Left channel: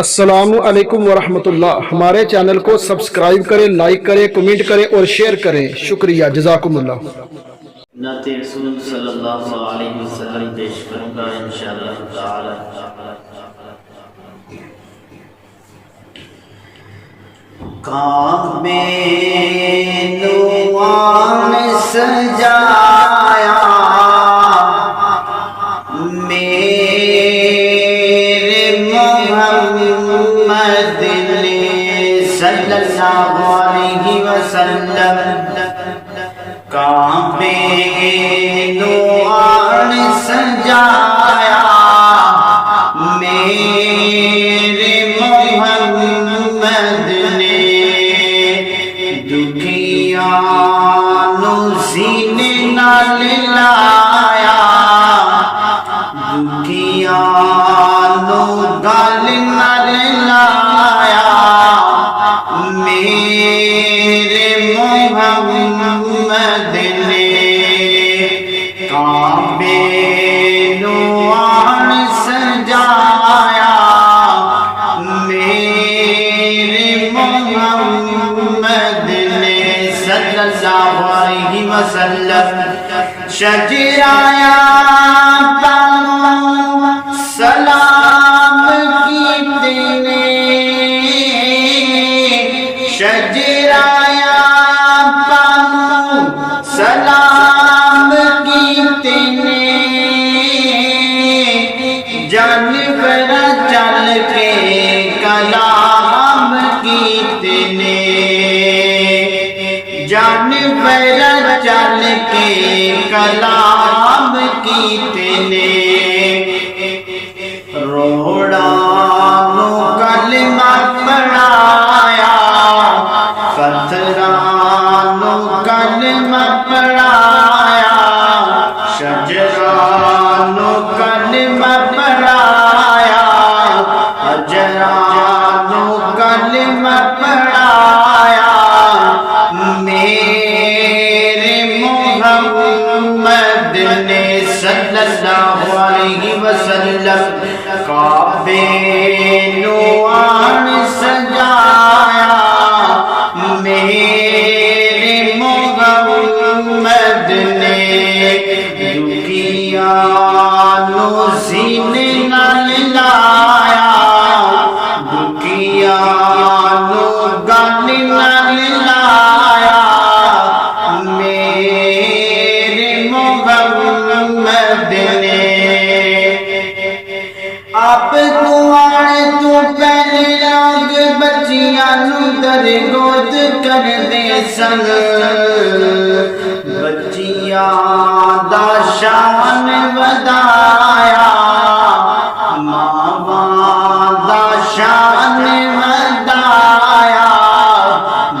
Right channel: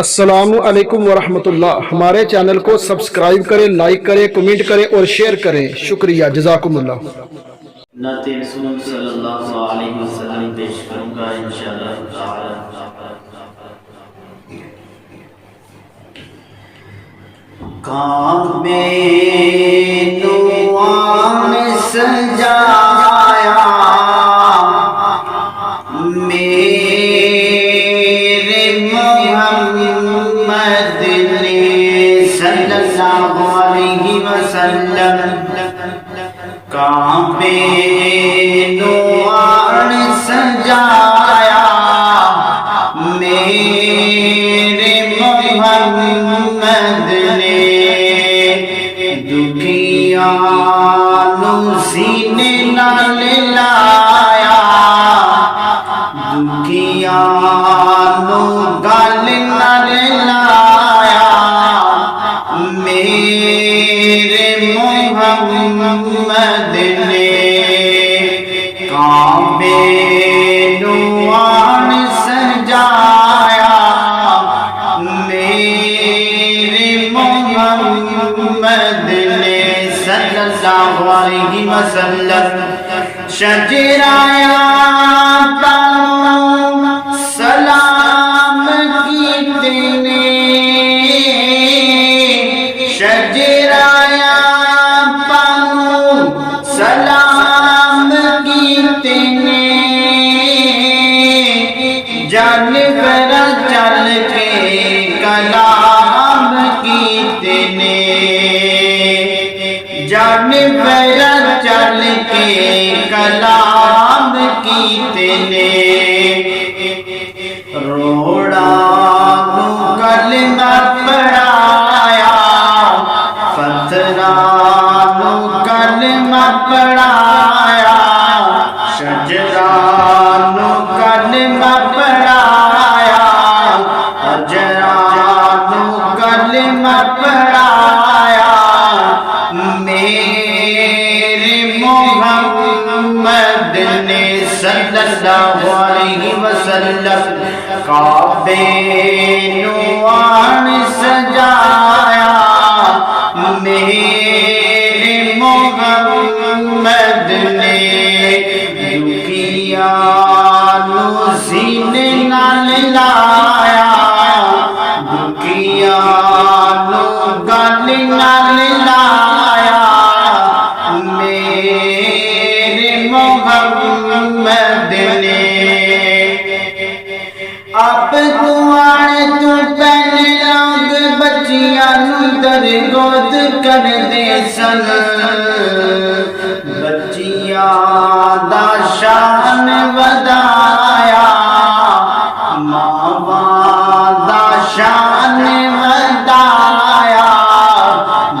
السلام علیکم ورحمۃ اللہ۔ ہمارے چینل کو سبسکرائب کریں، لائک کریں، کمنٹ کریں اور شیئر کریں۔ شکریہ، جزاکم اللہ۔ نعت رسول صلی اللہ علیہ وسلم پیش کروں گا انشاءاللہ تعالی۔ کعبے نوان سجایا میرے محمد نے صلی اللہ علیہ وسلم، کعبے نوان سجایا میرے محمد نے، دکھیاں نو سینے نال لایا، دکھیاں نو گل نال لایا، میرے محمد نے کعبے نوان سجایا میرے محمد نے صلی اللہ علیہ وسلم، شجرایا سلام کیتے نے، شجرایا سلام کیتے نے، جانور چل کے کلام کیتے نے، جانور چل کے کلام کیتے نے، روڑا نو کلمہ پڑھایا، پتھراں نو کلمہ پڑھایا، شجراں نو کلمہ پڑھایا، حجراں نو کلمہ پڑھایا، میرے محمد نے صلی اللہ علیہ وسلم، کعبے نوان سجایا میرے محمد نے، دکھیاں نو سینے نال لایا، دکھیاں نو گل نال لایا، میرے محمد نے، آپ تو آنے تو پہلے لوگ بچیاں نو درگود کر دے سن، بچیاں دا شان ودایا، ماواں دا شان ودایا،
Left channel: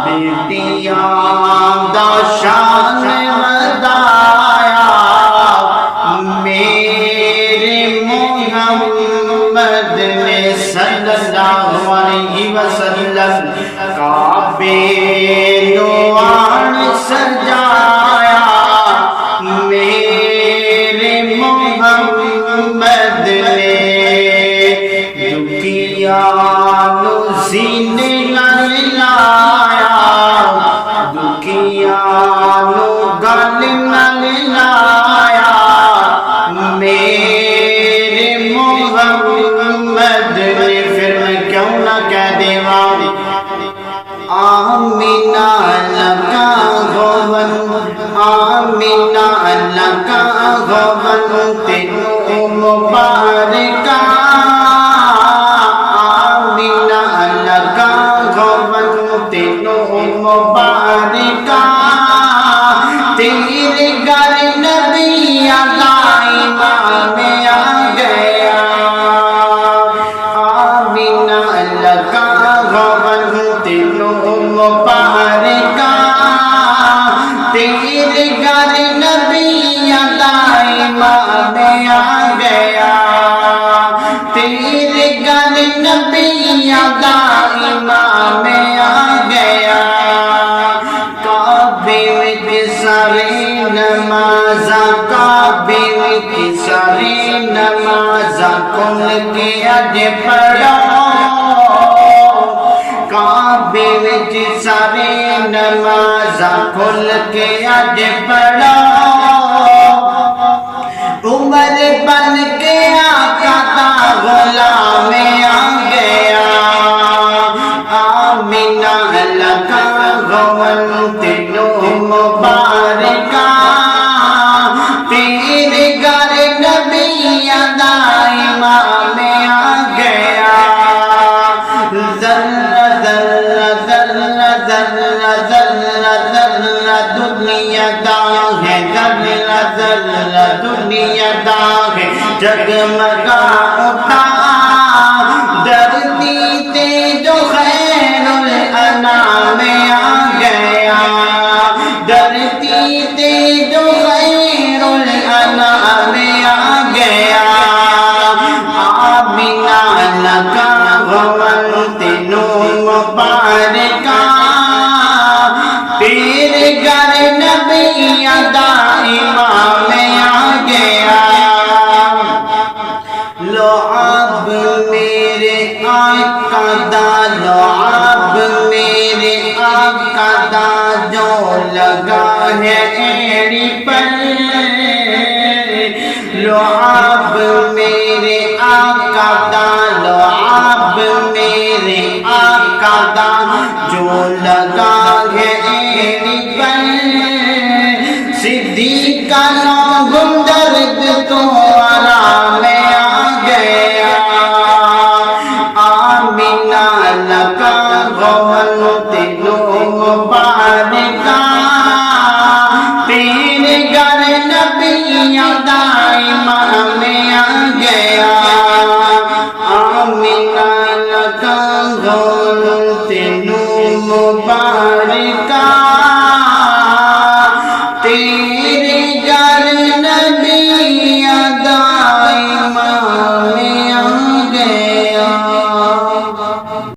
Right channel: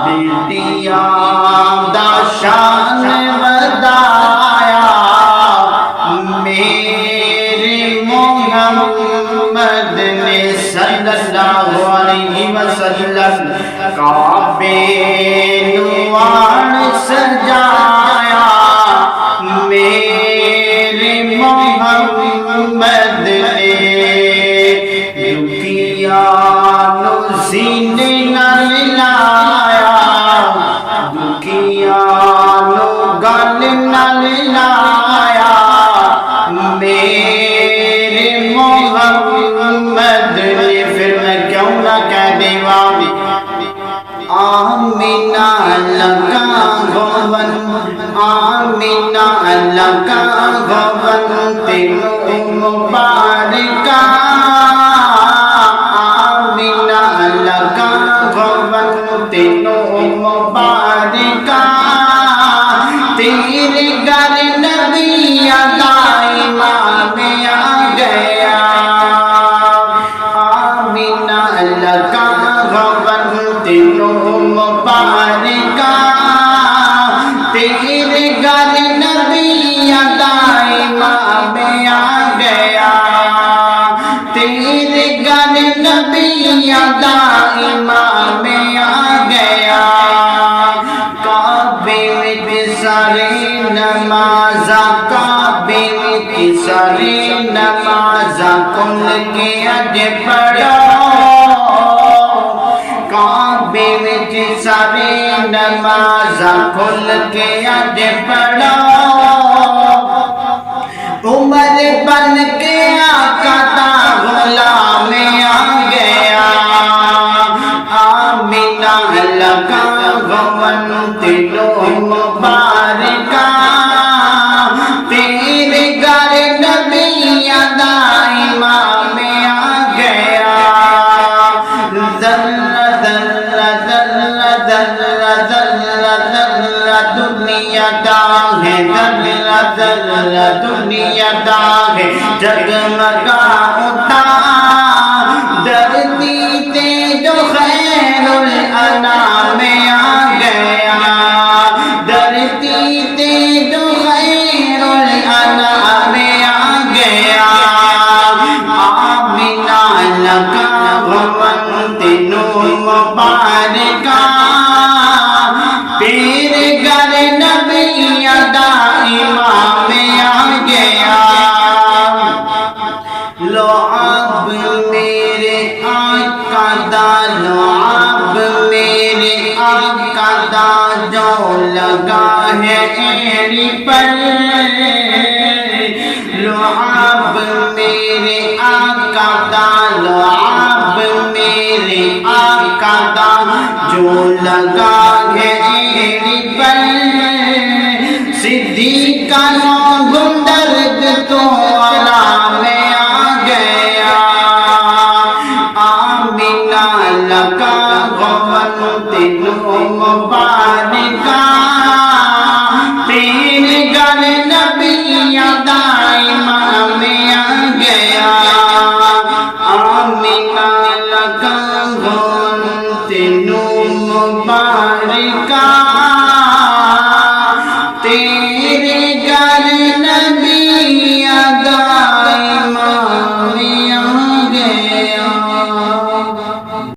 بیٹیاں دا شان ودایا، میرے محمد نے صلی اللہ علیہ وسلم، کعبے نوان سجایا میرے محمد نے، دکھیاں نو سینے نال لایا، دکھیاں نو گل نال لایا، میرے محمد نے، پھر میں کیوں نہ کہہ دیواں، آمینہ لگا گون، آمینہ لگا گون تینوں مبارکہ، آمینہ لگا گون تینوں مبارکہ، تیرے گھر نبی دا امام آ گیا، آمینہ لگا گون تینوں مبارکہ، تیرے گھر نبی دا امام آ گیا، تیرے گھر نبی دا امام آ گیا، کعبے وچ سارے نمازاں، کعبے وچ سارے نمازاں کھل کے اج پڑھو، وچ سارے نماز کھل کے اج پڑھو عمر بن کے آقا دا غلام آ گیا آمینہ لگا گون تینوں مبارکہ تیرے گھر نبیاں دا امام آ گیا ذرہ ذرہ ذرہ ذرہ ذرہ ذرہ دنیا دا ہے ذرہ ذرہ دنیا دا ہے جگمگا اٹھا دردی تے جو خیر الانام آ گیا دردی تے جو خیر الانام آ گیا آمینہ لگا گون تینوں مبارکہ تیرے گھر نبیاں دا امام آ گیا لعاب میرے آقا دا لعاب میرے آقا دا جو لگا ہے ایڑی پر لعاب میرے آقا دا لعاب میرے آقا دا جو لگا ہے ایڑی پر صدیقہ نو درد تو آرام آ گیا آمینہ لگا گون تینوں مبارکہ تیرے گھر نبیاں دا امام آ گیا آمینہ لگا گون تینوں مبارکہ تیرے